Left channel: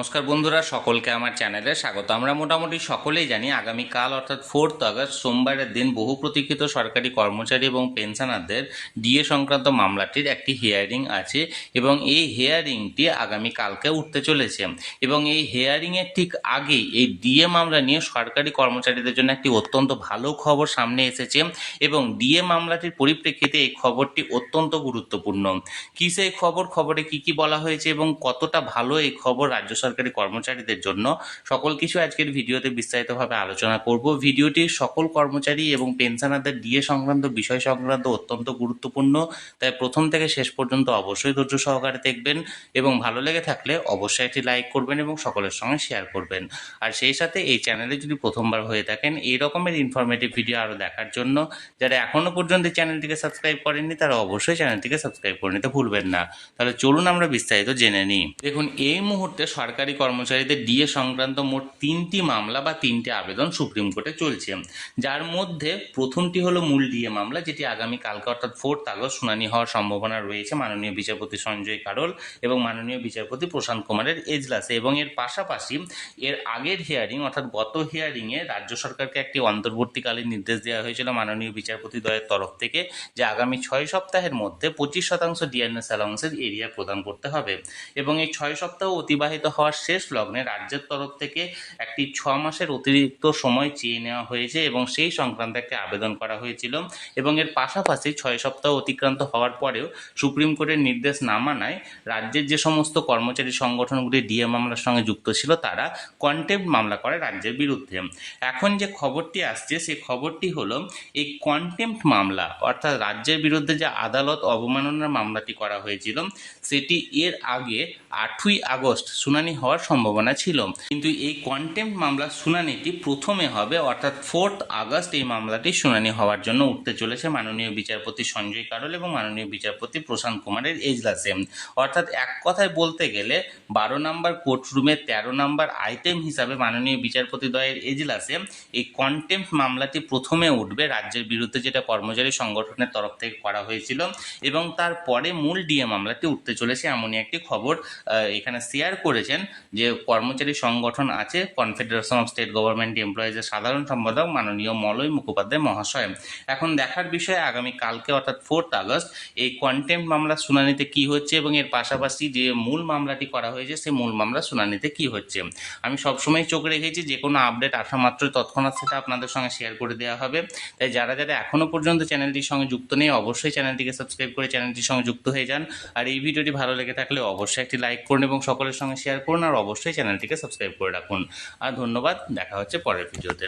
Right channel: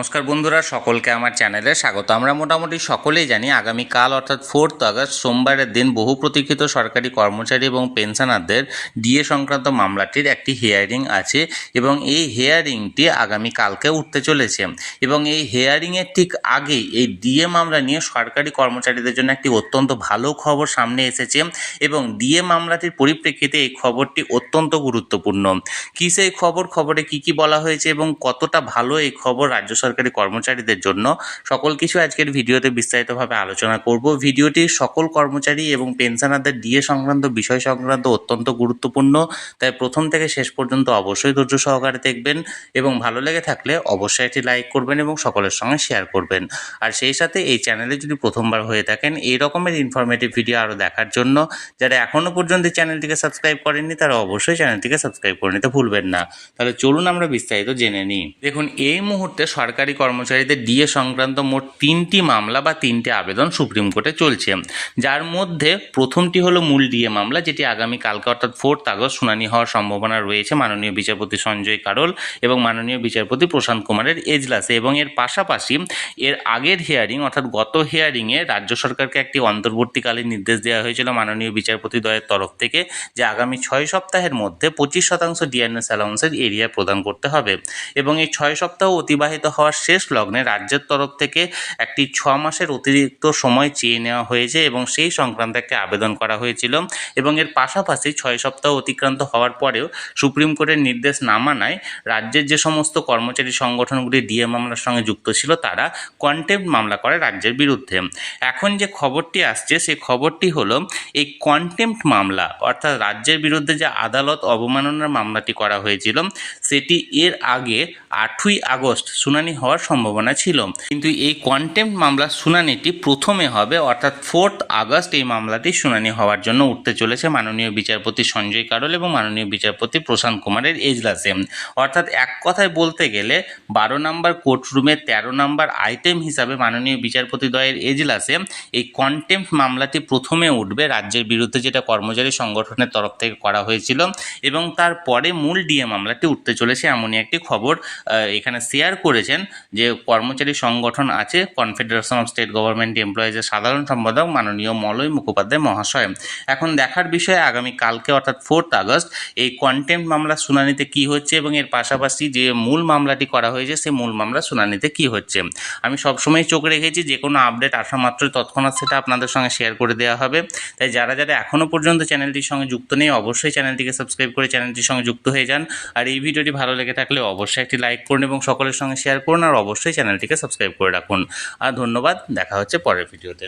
নমস্কার বন্ধুরা, সকলকে আমার চ্যানেলে স্বাগত। আমরা মোটামুটি সকলেই জানি আগামীকাল অর্থাৎ 4 আগস্ট সোমবারের দিন বহু প্রতীক্ষিত সরকারি কর্মচারী এবং পেনশনারদের ডিএ সংক্রান্ত মামলাটির একটি হিয়ারিং আছে এবং এই হিয়ারিংটি আগামীকালকে উঠতে চলেছে। এবং এই হিয়ারিংয়ের ঠিক আগেই এই ডিএ মামলা নিয়ে সরকারি কর্মচারীদের জন্য একটি অত্যন্ত ভালো খবর সামনে এসেছে এবং ডিএ মামলাটির পরিপ্রেক্ষিতে এই খবরটি অত্যন্ত গুরুত্বপূর্ণ। কী সেই খবরে কী বলা হয়েছে এবং কতটা ভালো এই খবর রাজ্য সরকারি কর্মচারীদের জন্য, সকল কিছু আজকের ভিডিওতে বিস্তারিতভাবে আলোচনা করব। ভিডিওটি সকল কর্মচারী এবং পেনশনারদের ডিএ সংক্রান্ত বিষয় সংক্রান্ত অত্যন্ত গুরুত্বপূর্ণ, তাই প্রথম থেকে শেষ পর্যন্ত অবশ্যই ধৈর্য সহকারে দেখবেন এবং ভালো লেগে থাকলে অবশ্যই একটি লাইক করবেন এবং সকলের সঙ্গে শেয়ার করবেন। আর সেই সাথে এই চ্যানেলে যদি প্রথমবার হয়ে থাকেন এই রকমের ইনফরমেটিভ ভিডিও আরও দেখার জন্য যারা এখনও পর্যন্ত চ্যানেলটিকে সাবস্ক্রাইব করেননি তারা অবশ্যই চ্যানেলটিকে সাবস্ক্রাইব করে নিতে ভুলবেন না। তাহলে চলুন আমরা বিস্তারিত জেনে নিই। দেখুন, এই মুহূর্তে সরকারি কর্মচারীদের ডিএ সংক্রান্ত মোট 3টি মামলা বা 3টি আবেদন সুপ্রিম কোর্টে চলছে, যার মধ্যে প্রথমটি হলো মূল ডিএ মামলা, যেটি আগামীকালকে অর্থাৎ 4 আগস্ট শুনানি হওয়ার সম্ভাবনা রয়েছে মাননীয় বিচারপতি সঞ্জয় কারোল এবং মাননীয় বিচারপতি প্রশান্ত কুমারের এজলাসে। এবং এর পাশাপাশি এর আগের হিয়ারিং অর্থাৎ গত হিয়ারিংয়ে রাজ্য সরকারকে একটি অন্তর্বর্তীকালীন নির্দেশ দেওয়া হয়েছিল মাননীয় বিচারপতি দ্বয়ের তরফ থেকে যে আগামী 6 সপ্তাহের মধ্যে 25% ডিএনএস অ্যালাউন্সের এরিয়া প্রদান করতে হবে। এবং এই 6 সপ্তাহ অতিবাহিত হওয়ার শেষ লগ্নে রাজ্যের তরফ থেকে একটি 6 মাসের অতিরিক্ত সময় চেয়ে নেওয়া হয়েছে এবং সেই সংক্রান্ত একটি আবেদন করা হয়েছিল। এবং এর পাশাপাশি 6 সপ্তাহ অতিক্রান্ত হওয়ার পরেও সুপ্রিম কোর্টের নির্দেশ না মানায় রাজ্যের যে সমস্ত কর্মচারী সংগঠনগুলি ডিএ মামলার সঙ্গে যুক্ত ছিল তারা কন্টেম্প্ট মামলা করে রাজ্যের বিরুদ্ধে। এখন যে খবরটি আসছে সেই খবরটি হলো এই কন্টেম্প্ট মামলা অর্থাৎ রাজ্যের বিরুদ্ধে যে আদালত অবমাননার মামলাটি করা হয়েছিল সেটি এর আগে 8ই আগস্ট শুনানি হওয়ার সম্ভাবনা ছিল, কিন্তু এই কন্টেম্প্ট মামলার শুনানিটি প্রথমে হবে অর্থাৎ 4 আগস্ট এই মামলাটি শুনানি হওয়ার জন্য উঠতে চলেছে মাননীয় বিচারপতি সঞ্জয় কারোল এবং মাননীয় বিচারপতি প্রশান্ত কুমারের এজলাসে। অর্থাৎ এক কথায় বলতে গেলে 12 নম্বর কোর্টরুমের 13 নম্বর আইটেম হিসাবে মাননীয় বিচারপতি দ্বয়ের এজলাসে এই কন্টেম্প্ট মামলাটি প্রথমে উঠবে রাজ্যের বিরুদ্ধে, যেটা কর্মচারী সংগঠনের তরফ থেকে করা হয়েছিল, এবং তারপরে মূল ডিএ মামলাটি উঠতে চলেছে এমনই একটি খবর এখানে শেয়ার করেছেন যে কর্মচারী সংগঠন আছে কনফেডারেশন অফ স্টেট গভর্নমেন্ট এমপ্লয়িজের সাধারণ সম্পাদক মাননীয় মলয় মুখোপাধ্যায় মহাশয়। এখন দেখার বিষয়ে আগামী কালকে অর্থাৎ 4 আগস্ট এই কন্টেম্প্ট মামলার শুনানিতে কি হচ্ছে এবং এর পাশাপাশি যে মূল মামলাটি করা হয়েছে সেই মূল মামলার শুনানিতে কি হচ্ছে। আমি সবসময় চোখ রেখেছি যে কোনো আপডেট আসা মাত্রই তৎক্ষণাৎ সেটা আপনাদের সঙ্গে শেয়ার করে দেওয়া হবে। তাই যারা এখনও পর্যন্ত চ্যানেলটির সঙ্গে যুক্ত নেই অবশ্যই চ্যানেলটিকে সাবস্ক্রাইব করে চ্যানেলটির সঙ্গে যুক্ত হয়ে যান। আর এই ভিডিওটি ভালো লেগে থাকলে অবশ্যই একটি লাইক করুন এবং সকলের সঙ্গে শেয়ার করুন আর অবশ্যই চ্যানেলটিকে সাবস্ক্রাইব করে রাখুন। আর ধন্যবাদ, দেখা হচ্ছে পরের ভিডিওতে।